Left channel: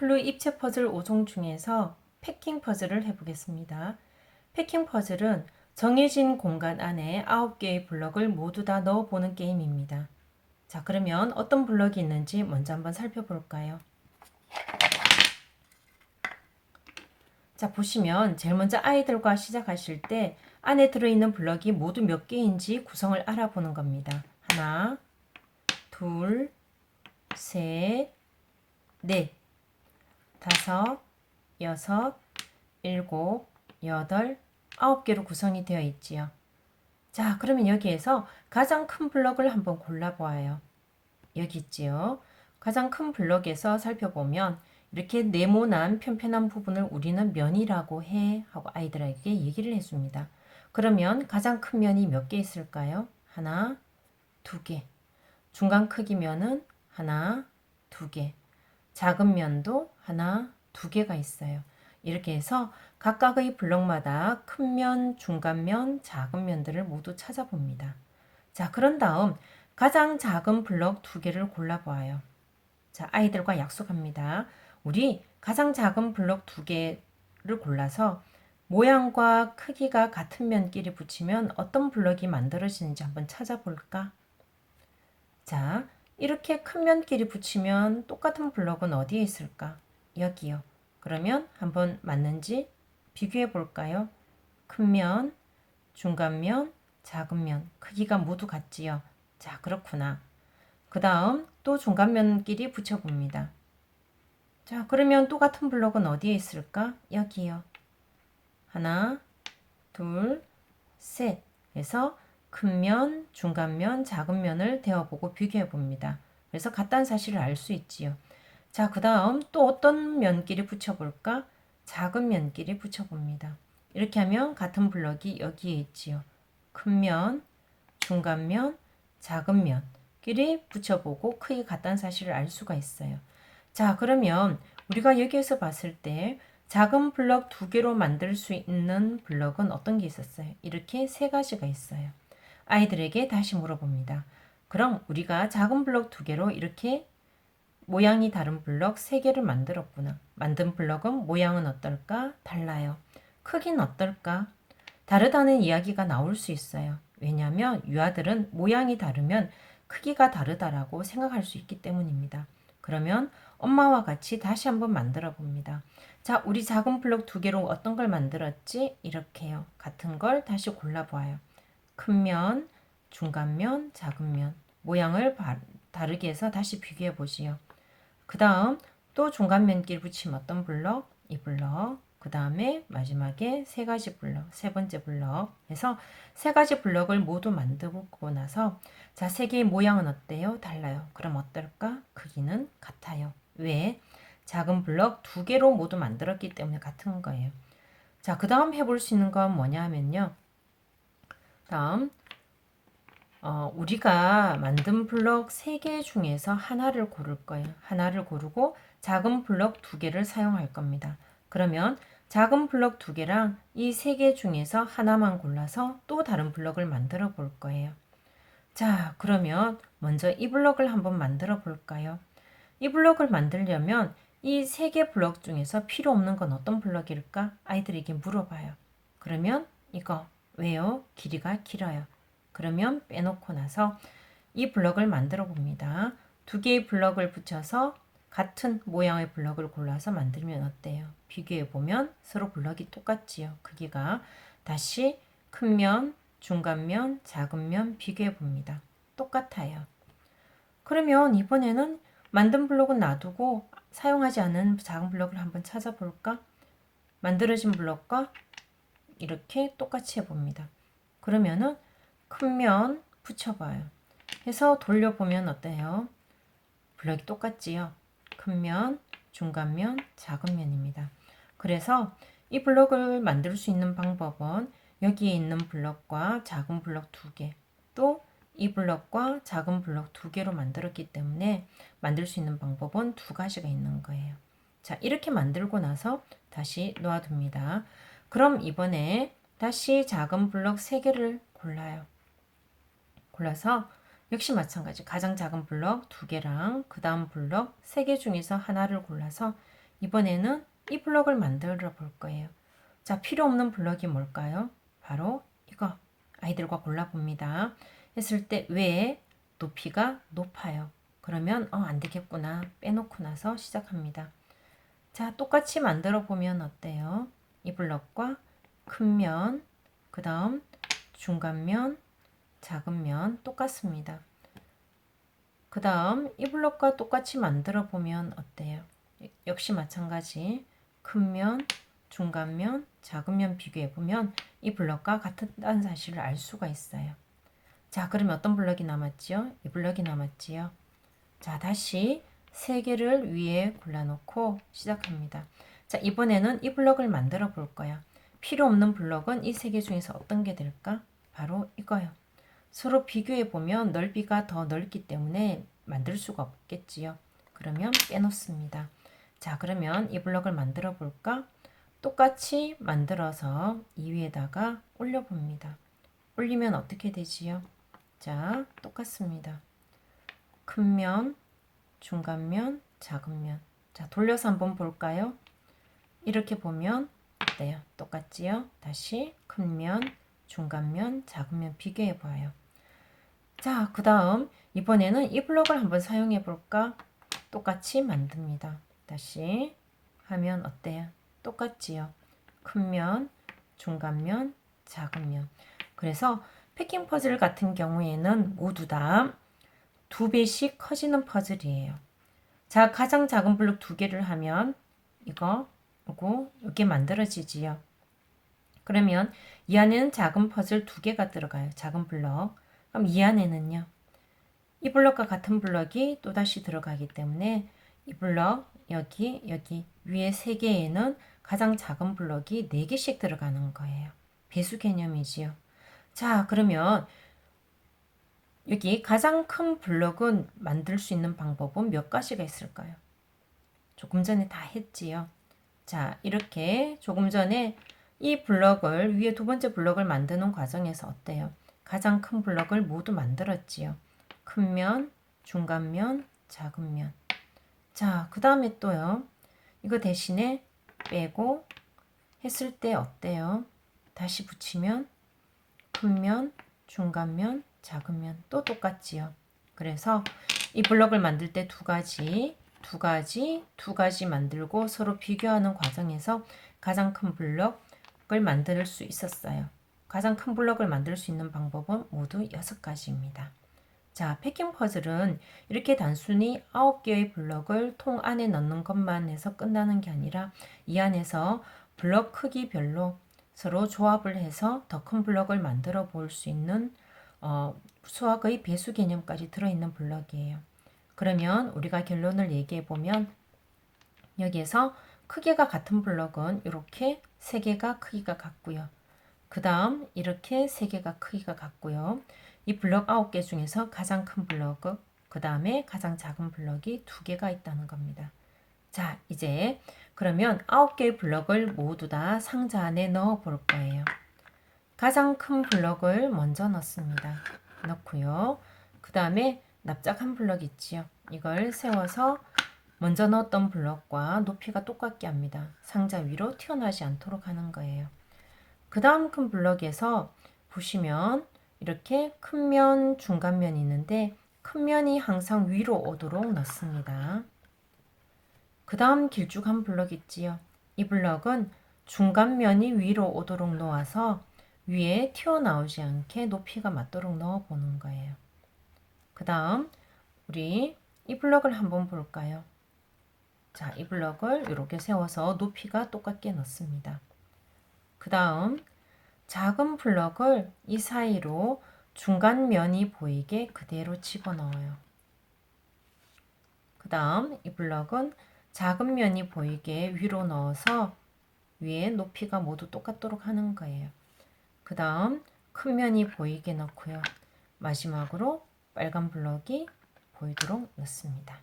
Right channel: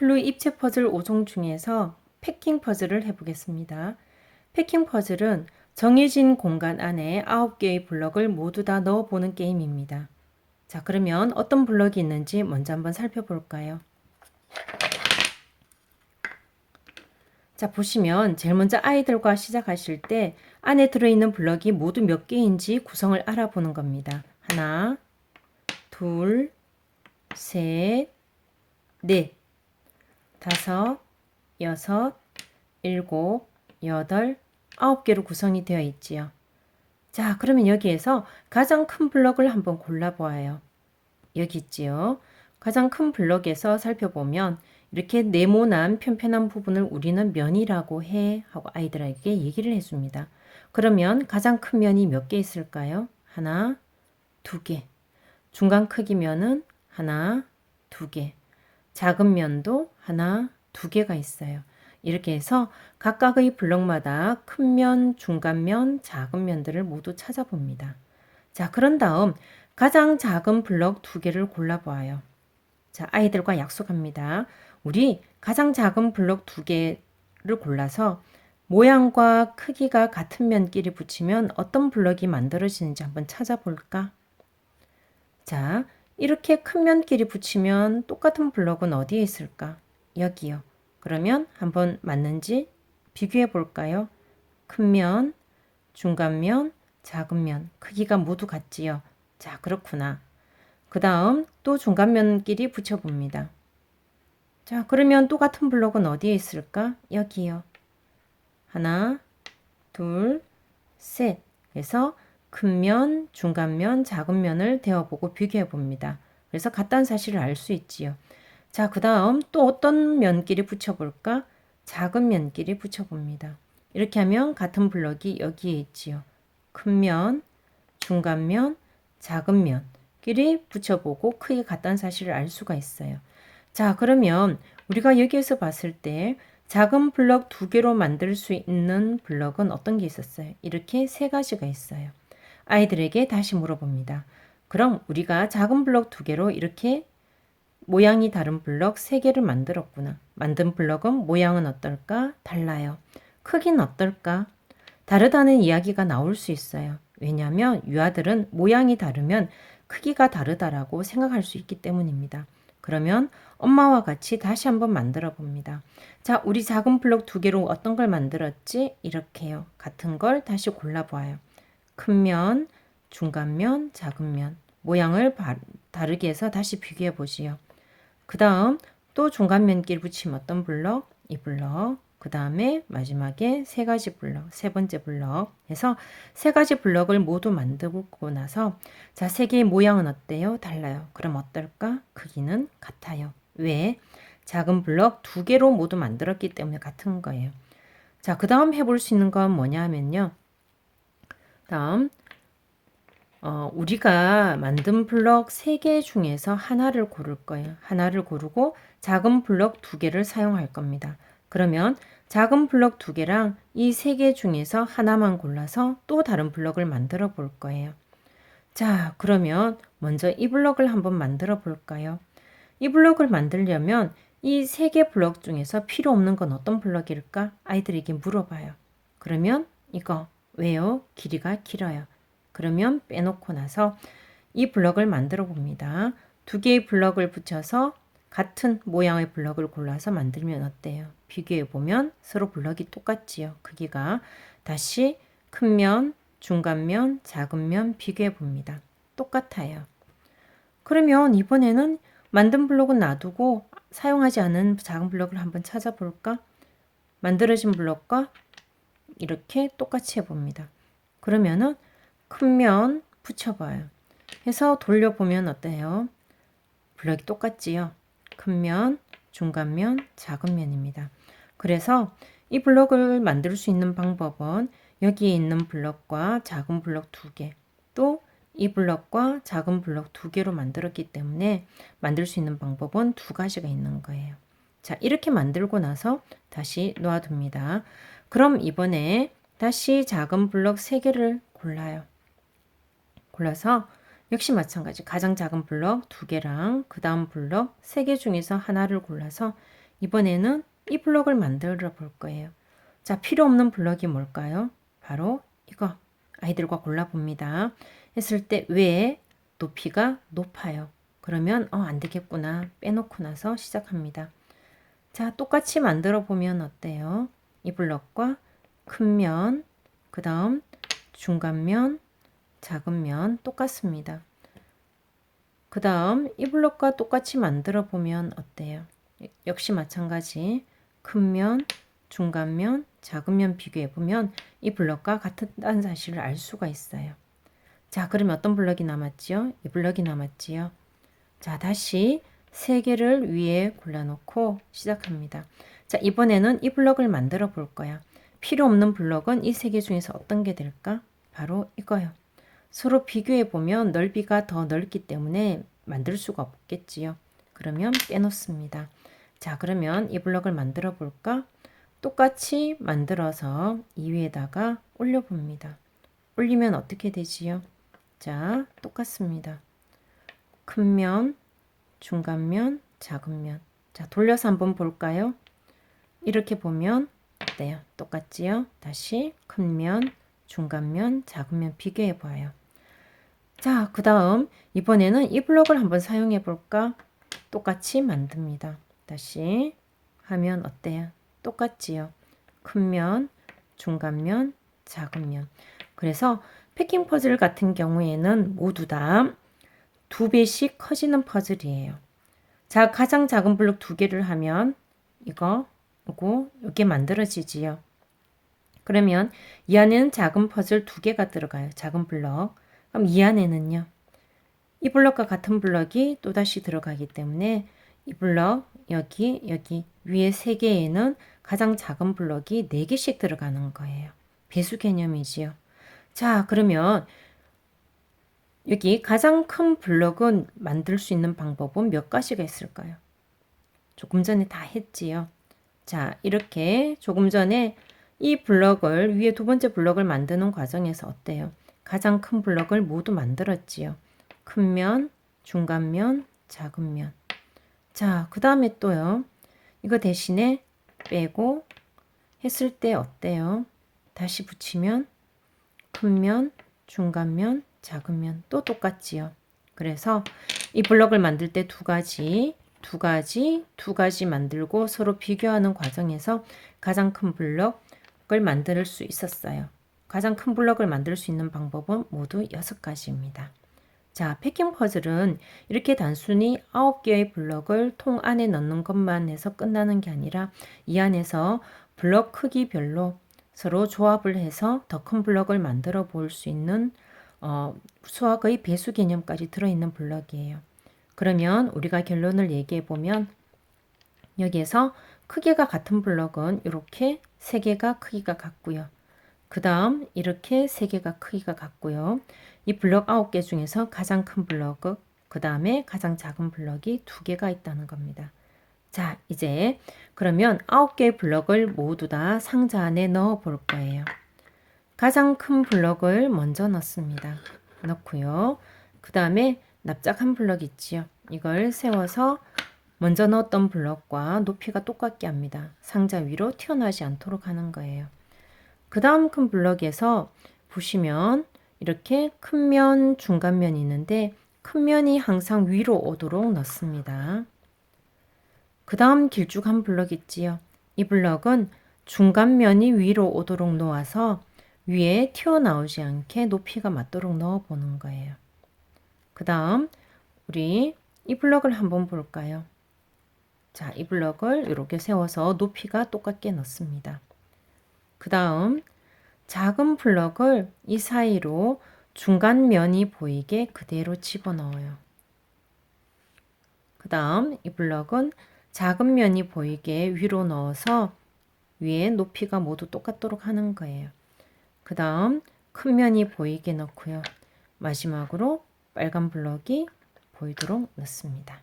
클루 입체 퍼즐 5종 중에서 패킹 퍼즐을 해보겠습니다. 패킹 퍼즐은 정해진 공간 안에 9개의 블럭을 모두 다 넣어보는 게임입니다. 자, 그러면 어떤 블럭이 있는지 먼저 한번 살펴볼까요? 자, 보시면 제일 먼저 아이들과 시작하실 때 안에 들어있는 블럭이 모두 몇 개인지 구성을 알아보는 겁니다. 하나, 둘, 셋, 넷, 다섯, 여섯, 일곱, 여덟, 9개로 구성이 되어 있지요. 자, 그러면 여기에서 가장 큰 블럭을 한번 골라보아요. 여기 있지요. 가장 큰 블럭에서 살펴보면 이렇게 네모난 편편한 부분을 우리는 면이라고 해 하고 아이들에게 얘기를 해줍니다. 그러면 가장 큰 면이 몇 개 있을까요? 하나, 두 개. 중간 크기 면은 하나, 두 개. 작은 면도 하나, 두 개가 있어요. 이렇게 해서 각각의 블럭마다 큰 면, 중간 면, 작은 면들을 모두 찾아봅니다. 자, 그런 다음 가장 작은 블럭 두 개를 골라보아요. 자, 아이들과 약속합니다. 우리 가장 작은 블럭 두 개를 골라서 모양과 크기가 같은 면끼리 붙이면 어떤 블럭이 만들어지는지 한번 찾아볼까? 자, 이렇게 큰 면끼리 붙이면 똑같은 블럭은 어디에 있을까? 여기요. 그러면 한번 맞는지 비교해 볼까요? 큰 면, 중간 면, 작은 면, 크기가 모두 같지요. 자, 그렇구나. 그 다음 또 중간 면끼리 붙여봅니다. 자, 그러면 똑같은 블럭은 어디에 있을까? 여기요. 하나, 둘, 셋. 그래서 큰 면, 중간 면, 작은 면을 대어보고 비교해 봅니다. 그래서 같다는 사실을 알 수 있지요. 자, 그 다음 또 어떤 면끼리 붙여볼까? 작은 면끼리 붙여봅니다. 이렇게 하면 같은 블럭이 여기에 있지요. 큰 면, 중간 면, 작은 면끼리 붙여보고 크게 같다는 사실을 알 수가 있어요. 자, 그러면 우리가 여기에서 봤을 때 작은 블럭 두 개로 만들 수 있는 블럭은 어떤 게 있었어요? 이렇게 세 가지가 있어요. 아이들에게 다시 물어봅니다. 그럼 우리가 작은 블럭 두 개로 이렇게 모양이 다른 블럭 세 개를 만들었구나. 만든 블럭은 모양은 어떨까? 달라요. 크기는 어떨까? 다르다는 이야기가 나올 수 있어요. 왜냐하면 유아들은 모양이 다르면 크기가 다르다라고 생각할 수 있기 때문입니다. 그러면 엄마와 같이 다시 한번 만들어 봅니다. 자, 우리 작은 블럭 두 개로 어떤 걸 만들었지? 이렇게요. 같은 걸 다시 골라보아요. 큰 면, 중간 면, 작은 면. 모양을 다르게 해서 다시 비교해 보시요. 그 다음 또 중간 면끼리 붙이면 어떤 블럭? 이 블럭. 그 다음에 마지막에 세 가지 블럭, 세 번째 블럭 해서 세 가지 블럭을 모두 만들고 나서 자, 세 개의 모양은 어때요? 달라요. 그럼 어떨까? 크기는 같아요. 왜? 작은 블럭 두 개로 모두 만들었기 때문에 같은 거예요. 자, 그 다음 해볼 수 있는 건 뭐냐 하면요. 다음 우리가 만든 블럭 3개 중에서 하나를 고를 거예요. 하나를 고르고 작은 블럭 2개를 사용할 겁니다. 그러면 작은 블럭 2개랑 이 3개 중에서 하나만 골라서 또 다른 블럭을 만들어 볼 거예요. 자, 그러면 먼저 이 블럭을 한번 만들어 볼까요? 이 블럭을 만들려면 이 3개 블럭 중에서 필요 없는 건 어떤 블럭일까? 아이들에게 물어봐요. 그러면 이거 왜요? 길이가 길어요. 그러면 빼놓고 나서 이 블럭을 만들어 봅니다. 두 개의 블럭을 붙여서 같은 모양의 블럭을 골라서 만들면 어때요? 비교해 보면 서로 블럭이 똑같지요. 크기가. 다시 큰 면, 중간 면, 작은 면 비교해 봅니다. 똑같아요. 그러면 이번에는 만든 블럭은 놔두고 사용하지 않은 작은 블럭을 한번 찾아볼까? 만들어진 블럭과 이렇게 똑같이 해봅니다. 그러면은 큰 면 붙여봐요. 해서 돌려보면 어때요? 블럭이 똑같지요? 큰 면, 중간 면, 작은 면입니다. 그래서 이 블럭을 만들 수 있는 방법은 여기에 있는 블럭과 작은 블럭 두 개, 또 이 블럭과 작은 블럭 두 개로 만들었기 때문에 만들 수 있는 방법은 두 가지가 있는 거예요. 자, 이렇게 만들고 나서 다시 놓아둡니다. 그럼 이번에 다시 작은 블럭 3개를 골라요. 골라서 역시 마찬가지 가장 작은 블럭 2개랑 그 다음 블럭 3개 중에서 하나를 골라서 이번에는 이 블럭을 만들어 볼 거예요. 자, 필요 없는 블럭이 뭘까요? 바로 이거 아이들과 골라봅니다. 했을 때 왜 높이가 높아요? 그러면 안 되겠구나 빼놓고 나서 시작합니다. 자, 똑같이 만들어 보면 어때요? 이 블럭과 큰 면, 그 다음 중간 면, 작은 면 똑같습니다. 그 다음 이 블럭과 똑같이 만들어 보면 어때요? 역시 마찬가지 큰 면, 중간 면, 작은 면 비교해 보면 이 블럭과 같다는 사실을 알 수가 있어요. 자, 그러면 어떤 블럭이 남았지요? 이 블럭이 남았지요. 자, 다시 세 개를 위에 골라놓고 시작합니다. 자, 이번에는 이 블럭을 만들어 볼 거야. 필요 없는 블럭은 이 세 개 중에서 어떤 게 될까? 바로 이거요. 서로 비교해 보면 넓이가 더 넓기 때문에 만들 수가 없겠지요. 그러면 빼놓습니다. 자, 그러면 이 블럭을 만들어 볼까? 똑같이 만들어서 이 위에다가 올려 봅니다. 올리면 어떻게 되지요? 자, 똑같습니다. 큰 면, 중간 면, 작은 면. 자, 돌려서 한번 볼까요? 이렇게 보면 어때요? 똑같지요? 다시 큰 면, 중간 면, 작은 면 비교해 봐요. 자, 그 다음 이번에는 이 블럭을 한번 사용해 볼까? 똑같이 만듭니다. 다시 하면 어때요? 똑같지요? 큰 면, 중간 면, 작은 면. 그래서 패킹 퍼즐 같은 경우에는 모두 다 2배씩 커지는 퍼즐이에요. 자, 가장 작은 블록 2개를 하면 이거 이게 만들어지지요. 그러면 이 안에는 작은 퍼즐 2개가 들어가요. 작은 블럭. 그럼 이 안에는요. 이 블럭과 같은 블럭이 또다시 들어가기 때문에 이 블럭 여기 위에 3개에는 가장 작은 블럭이 4개씩 들어가는 거예요. 배수 개념이지요. 자, 그러면 여기 가장 큰 블럭은 만들 수 있는 방법은 몇 가지가 있을까요? 조금 전에 다 했지요. 자, 이렇게 조금 전에 이 블럭을 위에 두 번째 블럭을 만드는 과정에서 어때요? 가장 큰 블럭을 모두 만들었지요. 큰 면, 중간 면, 작은 면. 자, 그 다음에 또요. 이거 대신에 빼고 했을 때 어때요? 다시 붙이면 큰 면, 중간 면, 작은 면 또 똑같지요. 그래서 이 블럭을 만들 때 두 가지 만들고 서로 비교하는 과정에서 가장 큰 블럭을 만들 수 있었어요. 가장 큰 블럭을 만들 수 있는 방법은 모두 6가지입니다. 자, 패킹 퍼즐은 이렇게 단순히 9개의 블럭을 통 안에 넣는 것만 해서 끝나는 게 아니라 이 안에서 블럭 크기별로 서로 조합을 해서 더 큰 블럭을 만들어 볼 수 있는 수학의 배수 개념까지 들어있는 블럭이에요. 그러면 우리가 결론을 얘기해 보면 여기에서 크기가 같은 블럭은 이렇게 3개가 크기가 같고요. 그 다음 이렇게 3개가 크기가 같고요. 이 블럭 9개 중에서 가장 큰 블럭, 그 다음에 가장 작은 블럭이 2개가 있다는 겁니다. 자, 이제 그러면 9개의 블럭을 모두 다 상자 안에 넣어 볼 거예요. 가장 큰 블럭을 먼저 넣습니다. 넣고요. 그 다음에 납작한 블럭 있지요. 이걸 세워서 먼저 넣었던 블럭과 높이가 똑같게 합니다. 상자 위로 튀어나오지 않도록 하는 거예요. 그 다음 큰 블럭에서 보시면 이렇게 큰 면, 중간 면이 있는데 큰 면이 항상 위로 오도록 넣습니다. 그 다음 길쭉한 블럭 있지요. 이 블럭은 중간 면이 위로 오도록 놓아서 위에 튀어나오지 않게 높이가 맞도록 넣어 보는 거예요. 그 다음 우리 이 블럭을 한번 볼까요? 자, 이 블럭을 이렇게 세워서 높이가 똑같게 넣습니다. 그 다음 작은 블럭을 이 사이로 중간 면이 보이게 그대로 집어넣어요. 그 다음 이 블럭은 작은 면이 보이게 위로 넣어서 위에 높이가 모두 똑같도록 하는 거예요. 그 다음 큰 면이 보이게 넣고요. 마지막으로 빨간 블럭이 보이도록 넣습니다.